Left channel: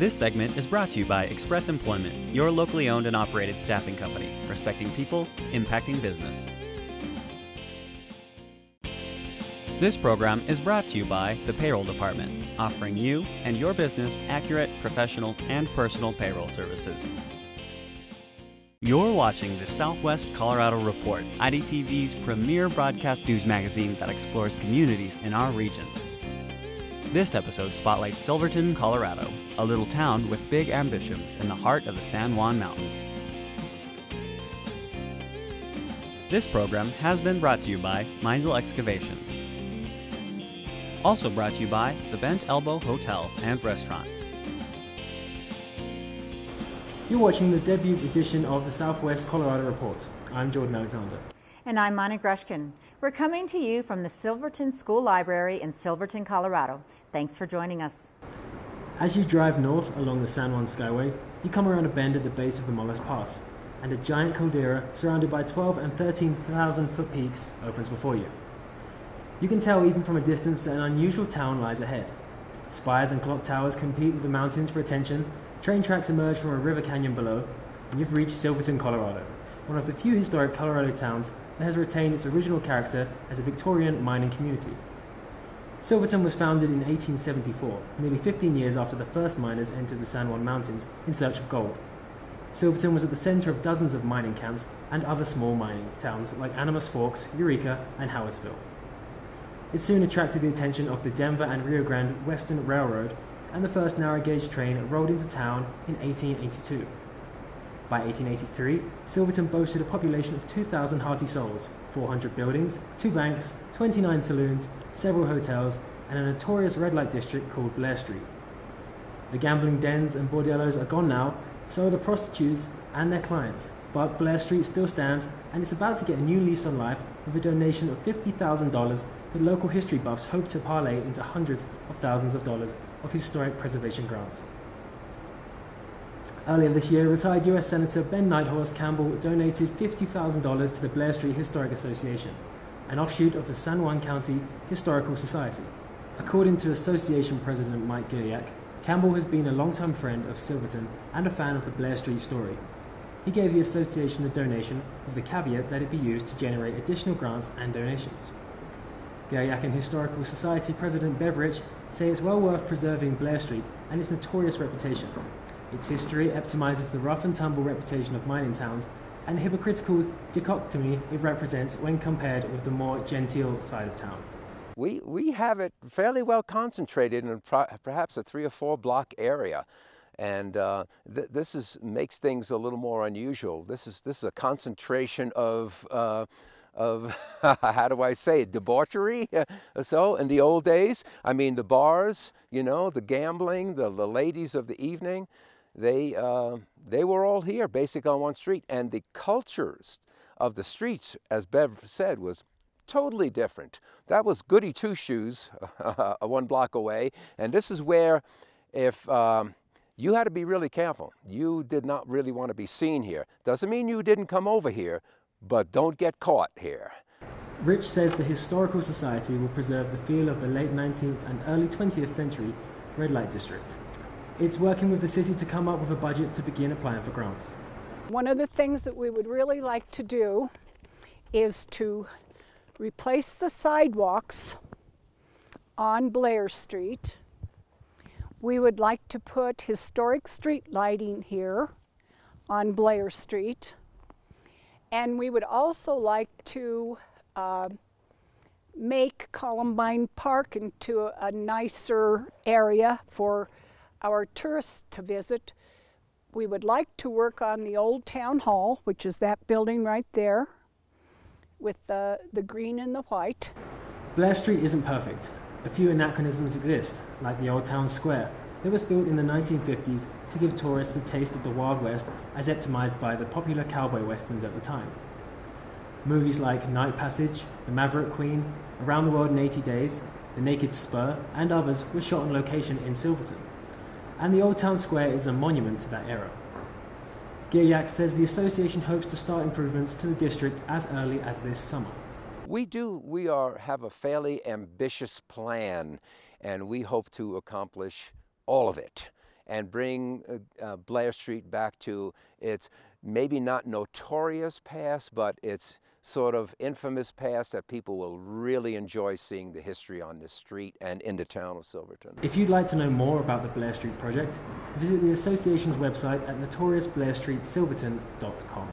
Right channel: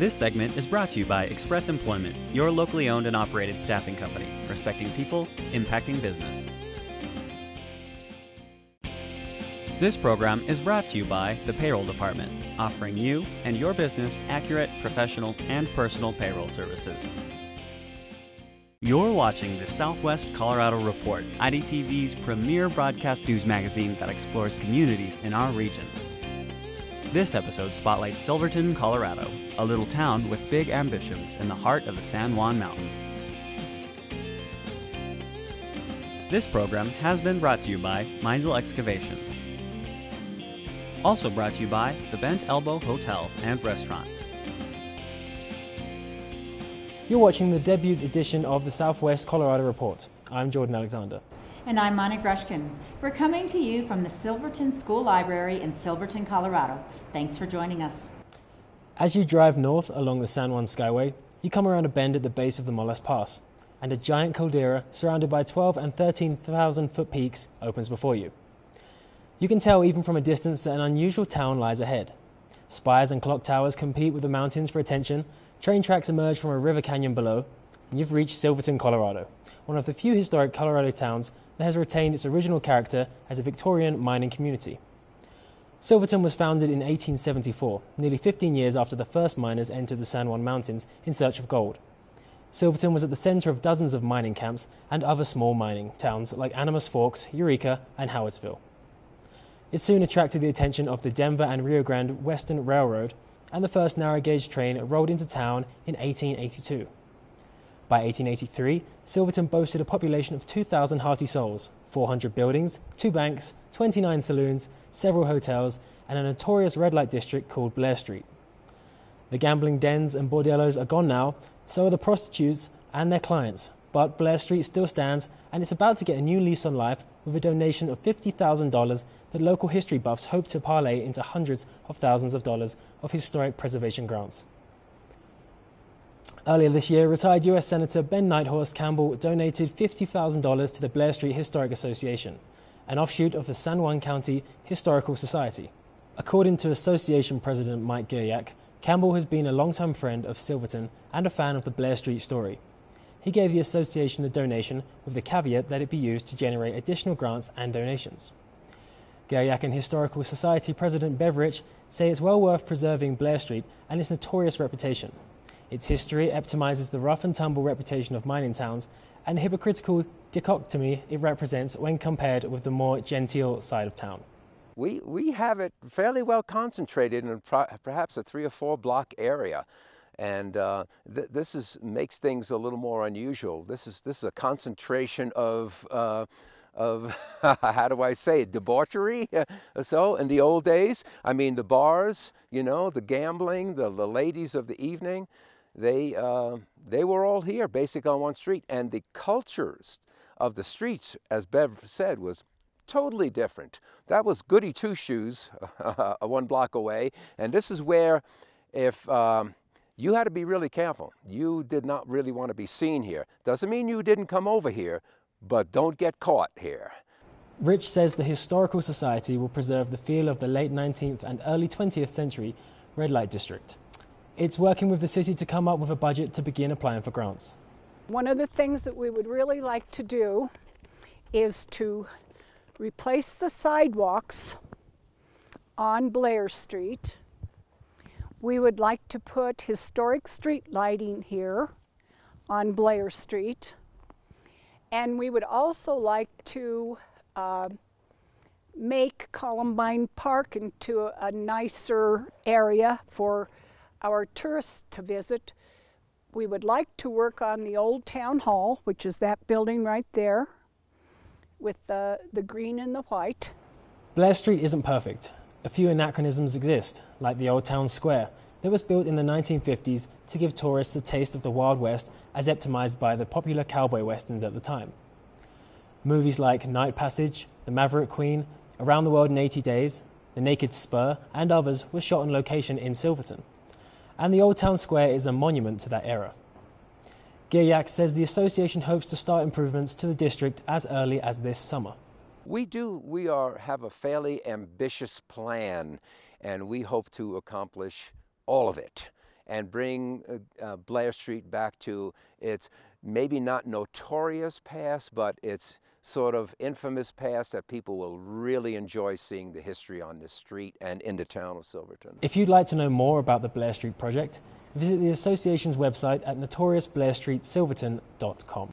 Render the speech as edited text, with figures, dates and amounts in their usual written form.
This segment is brought to you by Express Employment, your locally owned and operated staffing company, respecting people, impacting business. This program is brought to you by the Payroll Department, offering you and your business accurate, professional, and personal payroll services. You're watching the Southwest Colorado Report, IDTV's premier broadcast news magazine that explores communities in our region. This episode spotlights Silverton, Colorado, a little town with big ambitions in the heart of the San Juan Mountains. This program has been brought to you by Meisel Excavation. Also brought to you by the Bent Elbow Hotel and Restaurant. You're watching the debut edition of the Southwest Colorado Report. I'm Jordan Alexander. And I'm Monica Grushkin. We're coming to you from the Silverton School Library in Silverton, Colorado. Thanks for joining us. As you drive north along the San Juan Skyway, you come around a bend at the base of the Moles Pass, and a giant caldera surrounded by 12 and 13,000 foot peaks opens before you. You can tell even from a distance that an unusual town lies ahead. Spires and clock towers compete with the mountains for attention, train tracks emerge from a river canyon below, and you've reached Silverton, Colorado, one of the few historic Colorado towns that has retained its original character as a Victorian mining community. Silverton was founded in 1874, nearly 15 years after the first miners entered the San Juan Mountains in search of gold. Silverton was at the center of dozens of mining camps and other small mining towns like Animas Forks, Eureka, and Howardsville. It soon attracted the attention of the Denver and Rio Grande Western Railroad, and the first narrow-gauge train rolled into town in 1882. By 1883, Silverton boasted a population of 2,000 hearty souls, 400 buildings, 2 banks, 29 saloons, several hotels, and a notorious red light district called Blair Street. The gambling dens and bordellos are gone now, so are the prostitutes and their clients, but Blair Street still stands, and it's about to get a new lease on life with a donation of $50,000 that local history buffs hope to parlay into hundreds of thousands of dollars of historic preservation grants. Earlier this year, retired U.S. Senator Ben Nighthorse Campbell donated $50,000 to the Blair Street Historic Association, an offshoot of the San Juan County Historical Society. According to Association President Mike Gilliak, Campbell has been a longtime friend of Silverton and a fan of the Blair Street story. He gave the association the donation with the caveat that it be used to generate additional grants and donations. Gilliak and Historical Society President Beveridge say it's well worth preserving Blair Street and its notorious reputation. Its history epitomizes the rough and tumble reputation of mining towns and the hypocritical dichotomy it represents when compared with the more genteel side of town. We have it fairly well concentrated in perhaps a 3 or 4 block area. And this makes things a little more unusual. This is a concentration of how do I say it, debauchery. So in the old days, I mean the bars, you know, the gambling, the ladies of the evening, they were all here, basically on one street. And the cultures of the streets, as Bev said, was totally different. That was Goody Two Shoes, 1 block away, and this is where if you had to be really careful. You did not really want to be seen here. Doesn't mean you didn't come over here, but don't get caught here. Rich says the Historical Society will preserve the feel of the late 19th and early 20th century red light district. It's working with the city to come up with a budget to begin applying for grants. One of the things that we would really like to do is to replace the sidewalks on Blair Street. We would like to put historic street lighting here on Blair Street. And we would also like to make Columbine Park into a nicer area for our tourists to visit. We would like to work on the old town hall, which is that building right there, with the green and the white. Blair Street isn't perfect. A few anachronisms exist, like the Old Town Square, that was built in the 1950s to give tourists a taste of the Wild West as epitomized by the popular cowboy westerns at the time. Movies like Night Passage, The Maverick Queen, Around the World in 80 Days, The Naked Spur, and others were shot on location in Silverton. And the Old Town Square is a monument to that era. Gilliak says the association hopes to start improvements to the district as early as this summer. We have a fairly ambitious plan, and we hope to accomplish all of it. and bring Blair Street back to its maybe not notorious past, but its sort of infamous past that people will really enjoy seeing the history on this street and in the town of Silverton. If you'd like to know more about the Blair Street project, visit the association's website at notoriousblairstreetsilverton.com.